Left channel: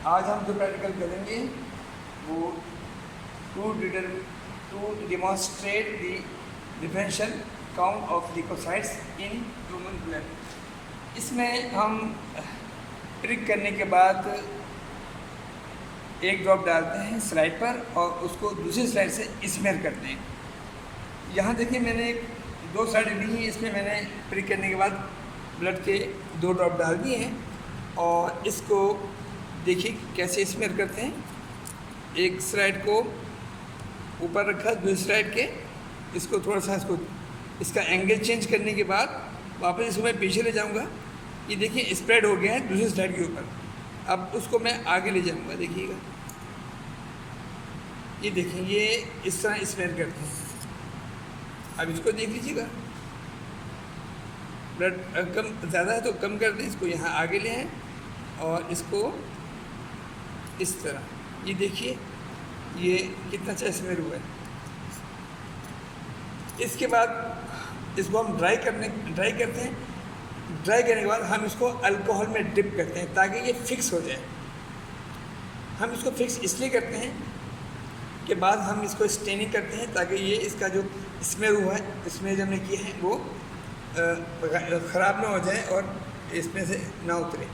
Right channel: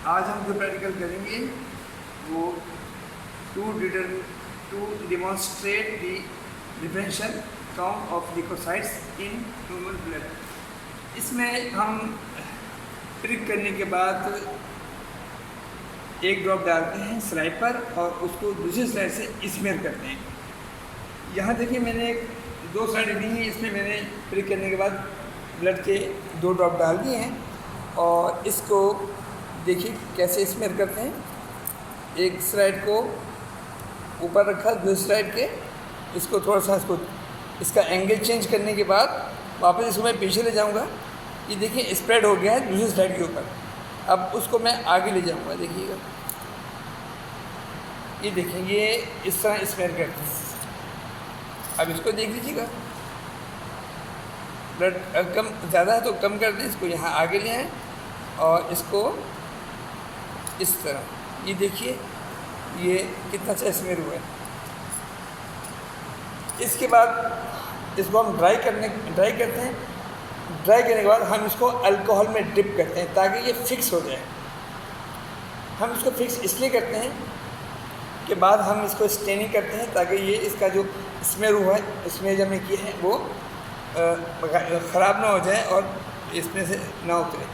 आज हम जो प्रैक्टिकल करेंगे वो to demonstrate the differential count of leucocytes in human blood. इसमें हम प्रिक करने के बाद एक ड्रॉप डालते हैं स्लाइड पर और उसको दूसरी स्लाइड से स्मेयर करते हैं। यहाँ देखिए मैंने 2 स्लाइड ली हैं, इसमें मैंने प्रिक करने के बाद ब्लड के 2 ड्रॉप डाल दिए हैं और इसको देखिए कैसे स्मेयर करते हैं। एक स्लाइड को ऊपर रखा, दूसरी स्लाइड के इसको थोड़ा सा इसका एंगल चेंज करने के बाद वापस इसको मैं पीछे ले जाऊंगा। ये देखिए स्प्रेड हो गया है दूसरी स्लाइड के ऊपर। अब उसको मैं आगे ले जाऊंगा, देखिएगा ये देखेंगे इस तरह स्मेयर करते हैं। अब इसको देख लीजिएगा, ब्लड कम ज़्यादा है तो कम कर दें, इसको यहाँ आगे ले आएँ और इसको इस तरह ये देखिए ये कितना अच्छा स्मेयर हुआ है। इसके बाद इसको हम ड्राई करते हैं। ड्राई करने के बाद हम इसको अल्कोहल में डिप करते हैं ताकि ये फिक्स हो जाए। हम इसको फिक्स इसलिए करते हैं कि बाद हम इसको स्टेनिंग करते हैं ताकि ये इसका जो स्मेयर हुआ है, स्मेयर जो हमने किए हैं वो ख़राब ना हो जाए और इसमें से ना उतरे।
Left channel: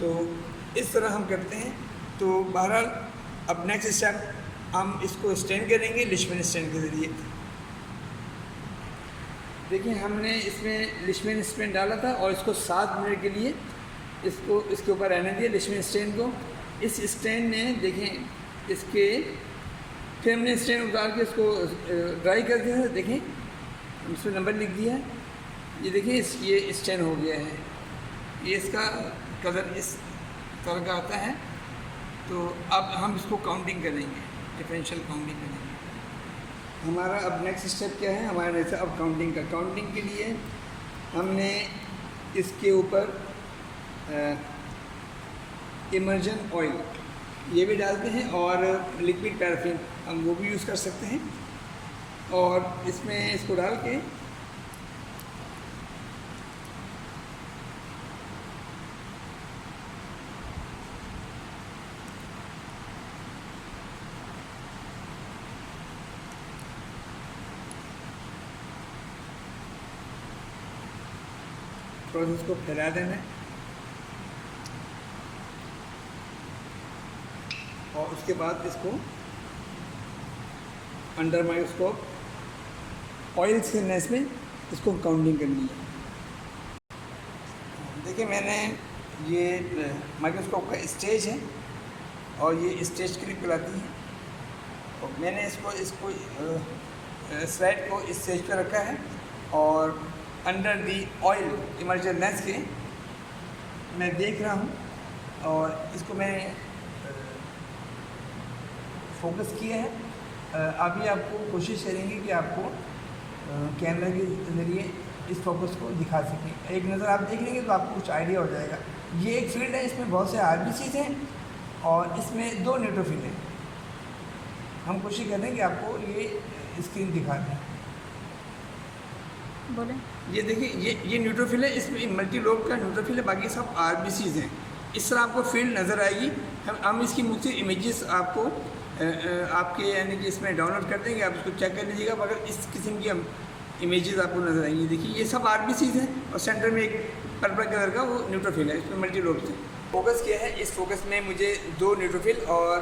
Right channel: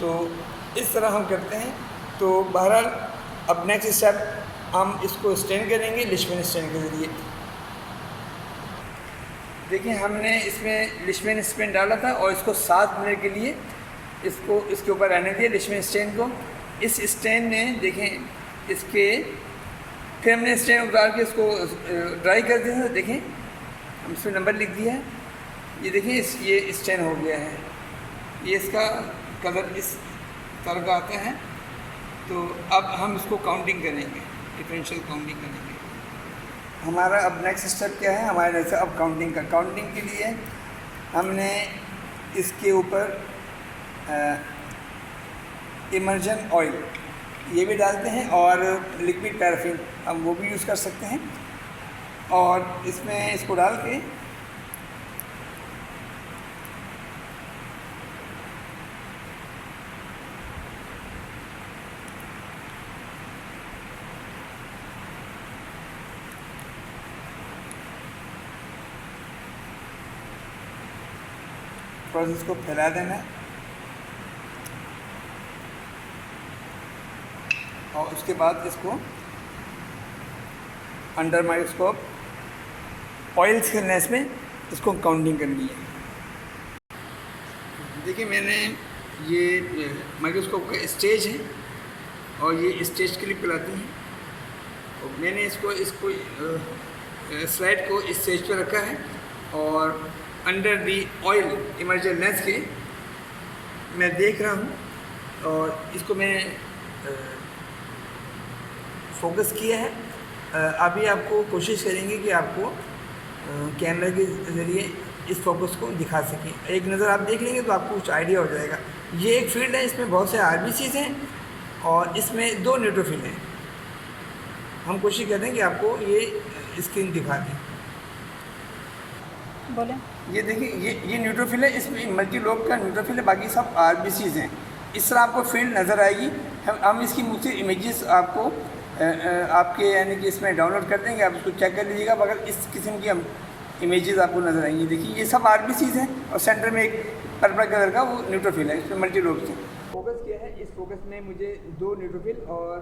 तो इस तरह हम करते हैं। तो बहरहाल अब नेक्स्ट स्टेप हम इसको स्टेन करेंगे लिशमेन स्टेन के ज़रिए। देखिए हमने इसमें लिशमेन स्टेन डाला था और इसको 7 मिनट के लिए इसको इसके ऊपर रहने दिया लिशमेन स्टेन को। इस स्टेन ने देखें इसके फिर हमने स्टेन उतार के इसको ड्राई कर दिया था। देखें इसमें नंबर लिख दिया है, ये देखिए ये स्टेन हो गया है। ये इसका कलर इस तरह का आता है। तो अब हम इसको काउंटिंग करेंगे, डिफरेंशियल काउंटिंग करेंगे। हमारा अब नेक्स्ट स्टेप क्या है हमारा नेक्स्ट अब काउंटिंग का। काउंटिंग के लिए हमने इसके ऊपर इमर्जन ऑयल ये भी डालते हैं और लिक्विड पैराफिन हम वो भी यूज़ कर सकते हैं। और इसमें इसको डाल के प्रोसेस को फैला देना है और उसके बाद इसको अंडर माइक्रोस्कोप ऑयल थिकनेस में इसको काउंटिंग करनी है। देखिए मैंने ये माइक्रोस्कोप का स्टेज है और ये स्टेज क्लिप लाती है और मैंने इसको स्लाइड को इस स्टेज पे रखा है और under the oil immersion lens के मैं देख रहा हूँ और इसको मैं फोकस किया है। अभी आपको कोशिश करेंगे कि आपको कैमरा के ज़रिए इस फोकस को दिखा सकें। एक नज़र आप देख लेंगे तो आपको कुछ आइडिया हो जाएगा। ये एक फील्ड है, इसमें बहुत से आरबीसीज हैं और इसमें 2 न्यूट्रोफिल हैं। हम कोशिश कर रहे हैं कि आपको ये स्क्रीन दिखा दें। बोले ये देखिए ये न्यूट्रोफिल है, इसमें मल्टीलोब का न्यूट्रोफिल है, बाकी सब आरबीसीज हैं। इस तरह आपको फील्ड नज़र आएगी। हम इसकी मुझसे इमेजेस आपको आपके यानी कि इसमें डाउनलोड कर देंगे, आप इसको चेक कर लीजिएगा। मगर इस किस्म की हम इमेजेस आपको नज़र आएंगी। देखिए ये सब आरबीसीज हैं और सेंटर में एक पर्पल कलर का वो न्यूट्रोफिल है, इसमें मल्टीलोब से फोकस किया है। इस फोकस में मुझे 2 न्यूट्रोफिल और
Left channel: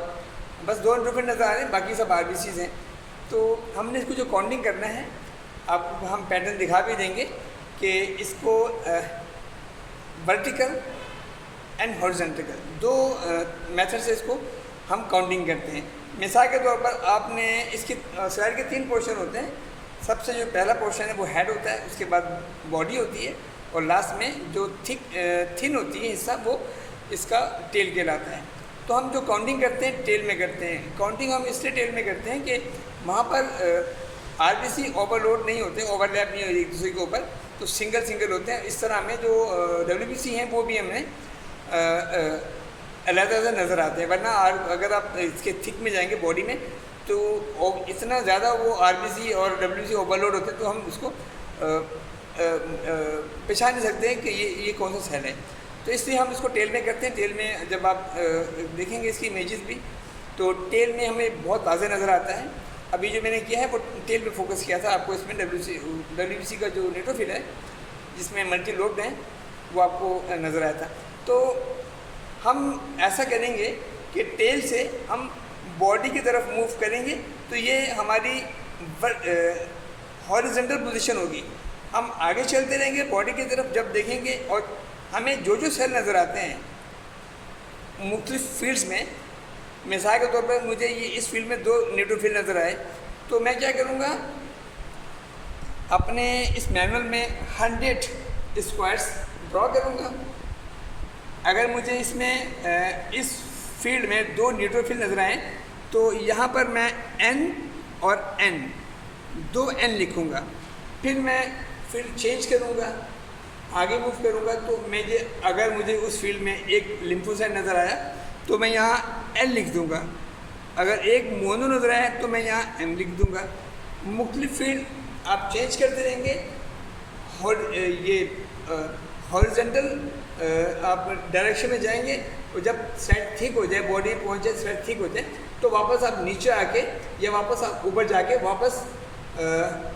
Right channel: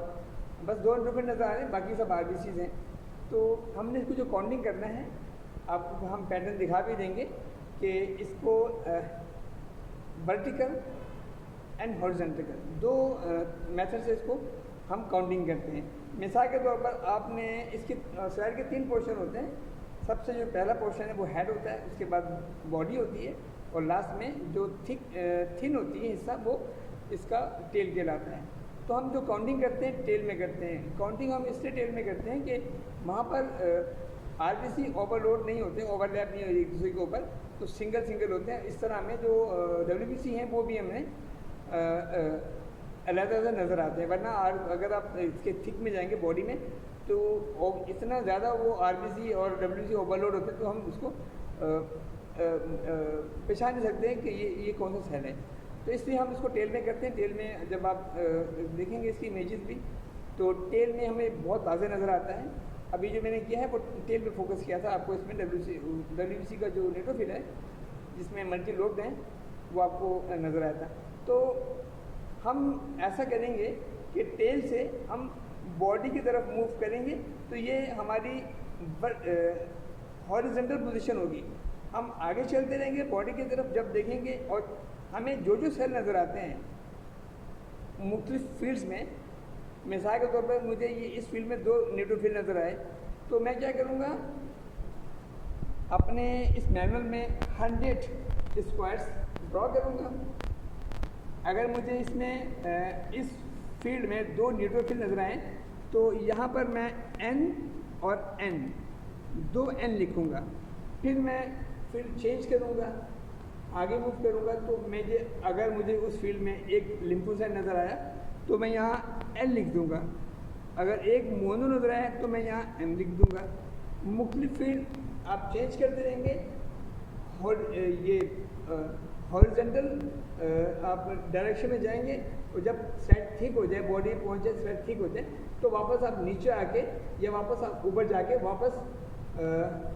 बस 2 न्यूट्रोफिल नज़र आ रहे हैं, बाकी सब आरबीसीज हैं। तो हमने इसको जो काउंटिंग करना है आपको हम पैटर्न दिखा भी देंगे कि इसको वर्टिकल एंड हॉरिजॉन्टल 2 मेथड से इसको हम काउंटिंग करते हैं। मिसाल के तौर पर आपने इसकी स्लाइड के 3 पोर्शन होते हैं। सबसे जो पहला पोर्शन है वो हेड होता है, उसके बाद बॉडी होती है और लास्ट में जो थिन होती है हिस्सा वो इसका टेल कहलाता है। तो हम जो काउंटिंग करते हैं टेल में करते हैं। काउंटिंग हम इसलिए टेल में करते हैं कि वहाँ पर आरबीसी ओवरलोड नहीं होते, ओवरलैप नहीं होती एक दूसरे के ऊपर, तो सिंगल होते हैं। इस तरह हमें जो डब्ल्यूबीसी हैं वो भी हमें अलग-अलग नज़र आते हैं। वरना अगर आप इसके थिक में जाएंगे बॉडी में तो इतना ज़्यादा वो आरबीसी और डब्ल्यूबीसी ओवरलोड होते हैं तो हम उसको पहचान नहीं सकते हैं कि ये कौन सा सेल है। तो इसलिए हम इसको टेल में करते हैं। टेल में जब आप देखेंगे इसकी इमेजेस भी, तो टेल में हमें बहुत वाज़ेह नज़र आता है। अभी जो मैंने किया है वो टेल पे फोकस किया था। आपको इसमें डब्ल्यूबीसी का जो न्यूट्रोफिल है जिसमें मल्टी लोब्ड है वो आपको नज़र आया था। तो हम ऐसा करेंगे कि टेल से हम बॉडी की तरफ मूव करेंगे, तो ये हमारी हॉरिजॉन्टल पोजीशन होगी। हम आगे चलते रहेंगे बॉडी की तरफ, जब देखेंगे और हमें जो जो सेल नज़र आते हैं मुख्तलिफ फील्ड्स में, मिसाल के तौर पर मुझे ये इस फील्ड में 2 न्यूट्रोफिल नज़र आए, तो मैं क्या करूँगा, अपने इस मैनुअल में 100 स्क्वायर्स ड्रॉ करूँगा। अगर मुझे इसमें इस फील्ड में 2 न्यूट्रोफिल नज़र आए, तो यहाँ पर मैं N और N 2 N लिखूँगा। फिर मैं फील्ड चेंज करूँगा, आगे मूव करूँगा, तो अगर मुझे उस फील्ड में एक लिम्फोसाइट नज़र आया तो मैं यहाँ L लिख दूँगा। अगर एक मोनो नज़र आया तो मैं यहाँ M लिख दूँगा। मुख्तलिफ फील्ड आप चेंज करते रहेंगे। और ये हॉरिजॉन्टल आप डायरेक्शन में जाएंगे, और जब साइड ठीक हो जाए, बॉडी पहुँच जाए, साइड ठीक हो जाए, तो वापस आप नीचे आके या वापस आप ऊपर जाके वापस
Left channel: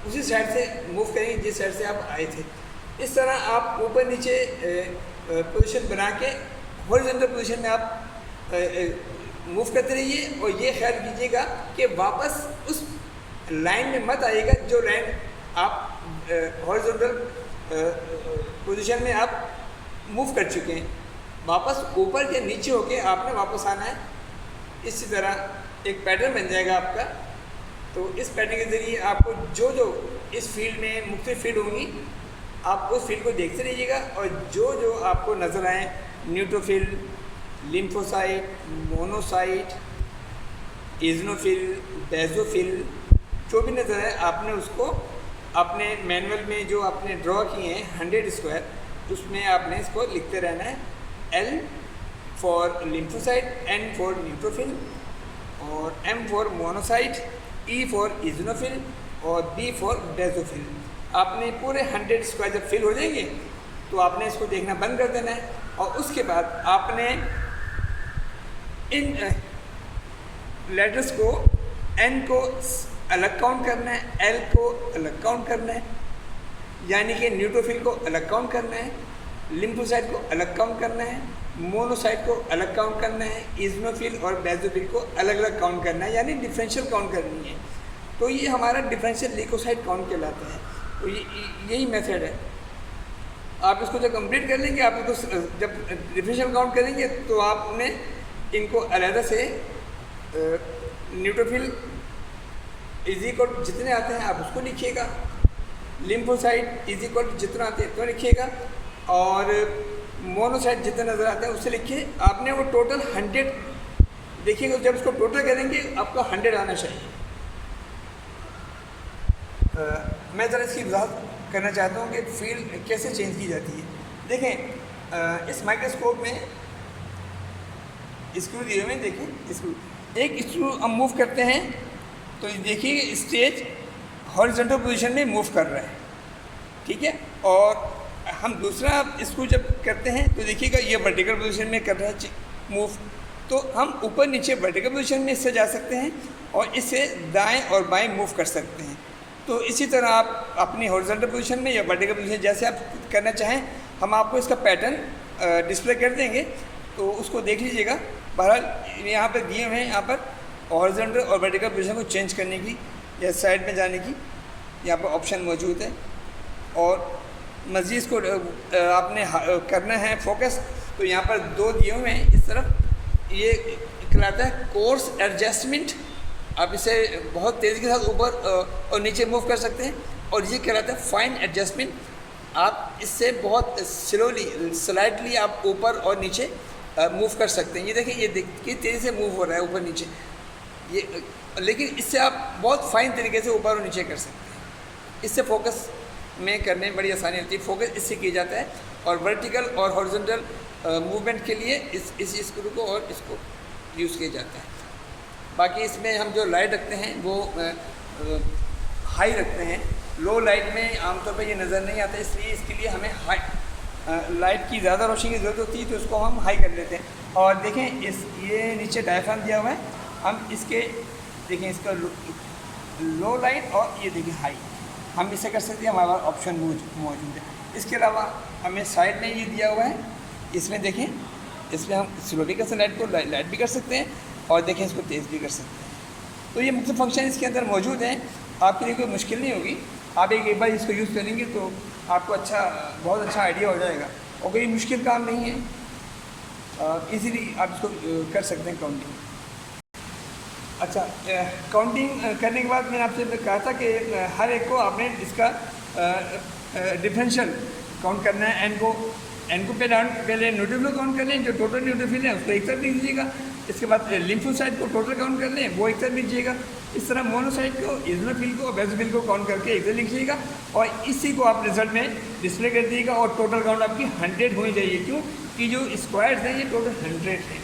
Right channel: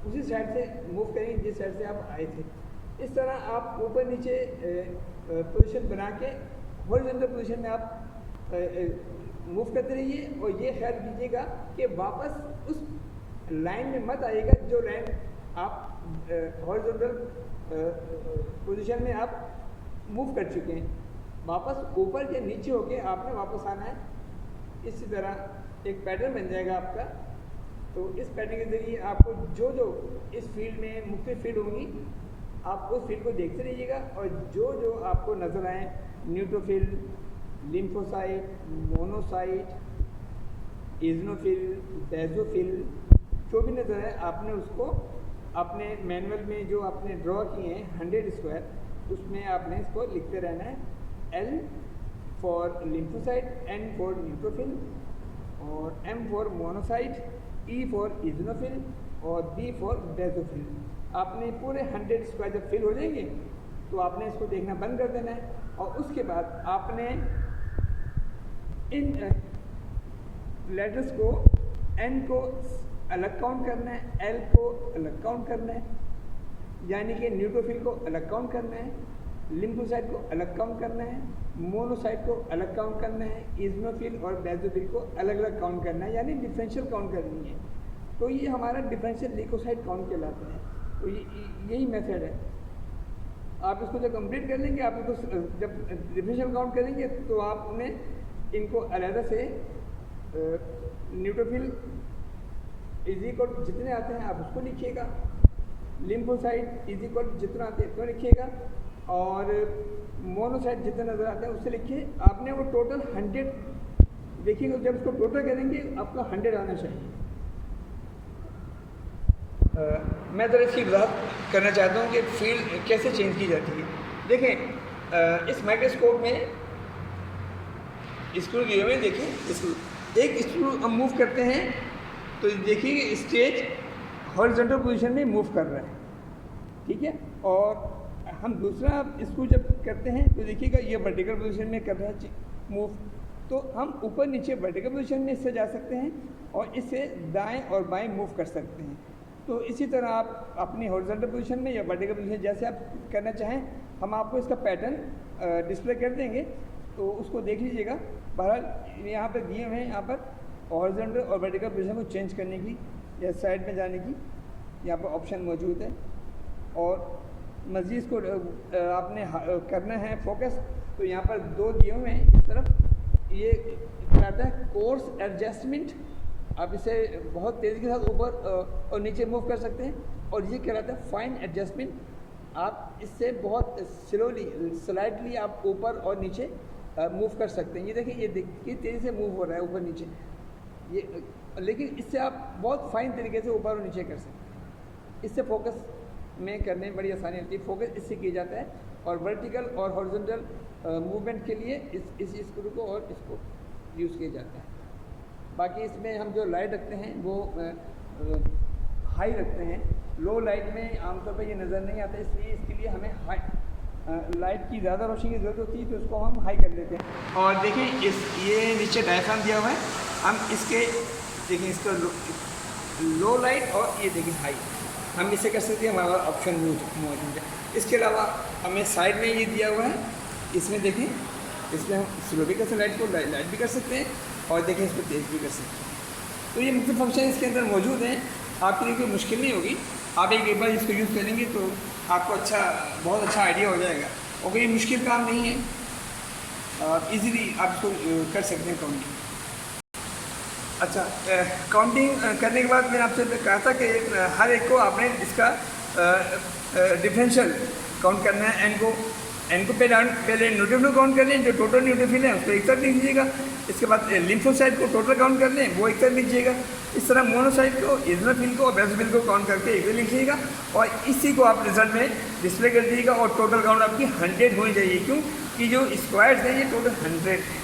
उसी साइड से मूव करेंगे जिस साइड से आप आए थे। इस तरह आप ऊपर नीचे पोजीशन बना के हॉरिजॉन्टल पोजीशन में आप मूव करते रहिए, और ये ख्याल कीजिएगा कि वापस उस लाइन में मत आइएगा जो लाइन आप हॉरिजॉन्टल पोजीशन में आप मूव कर चुके हैं। वापस ऊपर या नीचे होके आपने वापस आना है। इसी तरह एक पैटर्न बन जाएगा आपका। तो इस पैटर्न के ज़रिए आपको जो जो इस फील्ड में मुख्तलिफ फील्ड होंगी, आप उस फील्ड को देखते रहिएगा, और जो जो आपको नज़र आए, न्यूट्रोफिल, लिम्फोसाइट, मोनोसाइट, इज़नोफिल, बेसोफिल, जो भी नज़र आए, आपने उसको अपने मैनुअल में जो आपने ड्रॉ किए हैं 100 स्क्वायर, उसमें आपने इसको लिखते रहना है। L for lymphocyte, N for neutrophil, और M for monocyte, E for eosinophil, और B फॉर बेसोफिल। आपने पूरे 100 स्क्वायर जब फिल हो जाएंगे तो आपने इसको देखना बंद कर देना है, और उसके बाद आपने इन लेटर्स को, N को अलग काउंट करना है, L को अलग काउंट करना है, यानी कि न्यूट्रोफिल को अलग काउंट करना है, लिम्फोसाइट को अलग काउंट करना है, मोनोसाइट को अलग काउंट करना है, इज़नोफिल और बेसोफिल को अलग अलग काउंट करना है, यानी डिफरेंशियल काउंट करनी है। तो ये हमारा डिफरेंशियल ल्यूकोसाइट काउंट कहलाता है। तो यही मेथड है। आप इसको जब कंप्लीट कर लेंगे, आप इसको जब डिफरेंशियल काउंट करेंगे, तो आपने इनको अलग से न्यूट्रोफिल इज इक्वल जितने आते हैं आप उसको लिखिएगा, लिम्फोसाइट इज इक्वल जितना आते हैं तो लिखिएगा, और मोनोसाइट जितना नज़र आता है उससे लिखिए। आपने वो टोटल 100 देखिएगा, जब इसको टोटल करेंगे आपका 100 आना चाहिए। मैं ज़रा इसकी वजाहत करना चाहता हूँ कि फील्ड कैसे चेंज की जाती है। देखें, इस माइक्रोस्कोप में स्क्रू दिए हुए हैं, देखें स्क्रू, एक स्क्रू हम मूव करते हैं तो देखिए स्टेज हॉरिजॉन्टल पोजीशन में मूव कर रहा है, ठीक है, और हम दूसरा स्क्रू जब करते हैं तो देखिएगा ये वर्टिकल पोजीशन में कर रहा है मूव। तो हम ऊपर नीचे वर्टिकल पोजीशन में इससे जा सकते हैं और इससे दाएं और बाएं मूव कर सकते हैं। तो इसी तरह आप अपनी हॉरिजॉन्टल पोजीशन में या वर्टिकल पोजीशन जैसे आप करना चाहें, हम आपको इसका पैटर्न डिस्प्ले कर देंगे, तो उसको देख लीजिएगा। बहरहाल यहाँ पर दिए हुए हैं, यहाँ पर हॉरिजॉन्टल और वर्टिकल पोजीशन को चेंज करने की या साइड में जाने की यहाँ पर ऑप्शन मौजूद है। और मज़ीद इसको आपने करना है फोकस, तो यहाँ पर 2 दिए हुए हैं इस तरफ। ये कहलाता है कोर्स एडजस्टमेंट, आप इसे बहुत तेज़ी के साथ ऊपर और नीचे मूव कर सकते हैं, और ये कहलाता है फाइन एडजस्टमेंट। आप इससे बहुत स्लोली स्लाइडली आप ऊपर और नीचे मूव कर सकते हैं। ये देखिए, ये देखिए तेज़ी से मूव हो रहा है ऊपर नीचे ये, लेकिन इससे आप बहुत फाइन तरीके से ऊपर और नीचे कर सकते हैं। इससे फोकस में करने में बड़ी आसानी होती है। फोकस इससे किया जाता है, और वर्टिकल और हॉरिजॉन्टल मूवमेंट के लिए इस स्क्रू को और इसको यूज़ किया जाता है। बाकी इसमें हम जो लाइट रखते हैं वो हाई रखते हैं। लो लाइट में आमतौर पर ये नज़र नहीं आता, इसलिए इसके लिए हमें लाइट की ज़्यादा रोशनी की ज़रूरत होती है तो उसको हम हाई कर लेते हैं। और देखें ये नीचे डायफ्राम दिया हुआ है, हम इसके देखें इसका लो लाइट और ये देखें हाई, हम इसे कर सकते हैं, हमारा ऑप्शन मौजूद है। इसके अलावा हमें साइड में ये दिया हुआ है, इसमें देखें इसमें हम स्लोली कर सकते हैं, लाइट भी कर सकते हैं और देखें इसको तेज़ भी कर सकते हैं। तो ये मुख्तलिफ फंक्शन इसके अंदर मौजूद हैं, आपके लिए कोई मुश्किल नहीं होगी। आप एक बार इसको यूज़ करेंगे तो आपको बहुत अच्छा आइडिया हो जाएगा और कोई मुश्किल काम नहीं है, इजीली आप इसको कर सकते हैं काउंटिंग। अच्छा, काउंटिंग करने के बाद मैंने आपसे कहा था कि हर एक को आपने इसका डिफरेंशियल काउंट करना है। एन को पहले न्यूट्रोफिल काउंट कर लें, जो टोटल न्यूट्रोफिल है उसको एक तरफ लिख दीजिएगा। इसके बाद लिम्फोसाइट को टोटल काउंट कर लें, वो एक तरफ लिखिएगा। इस तरह मोनोसाइट को, इजनोफिल को और बेसोफिल को काउंट करके एक तरफ लिखिएगा और इसी को आप रिजल्ट में डिस्प्ले कर दीजिएगा। और टोटल काउंट आपकी 100 होनी चाहिए, क्यों कि जो स्क्वायर्स हैं ये टोटल 100 हैं।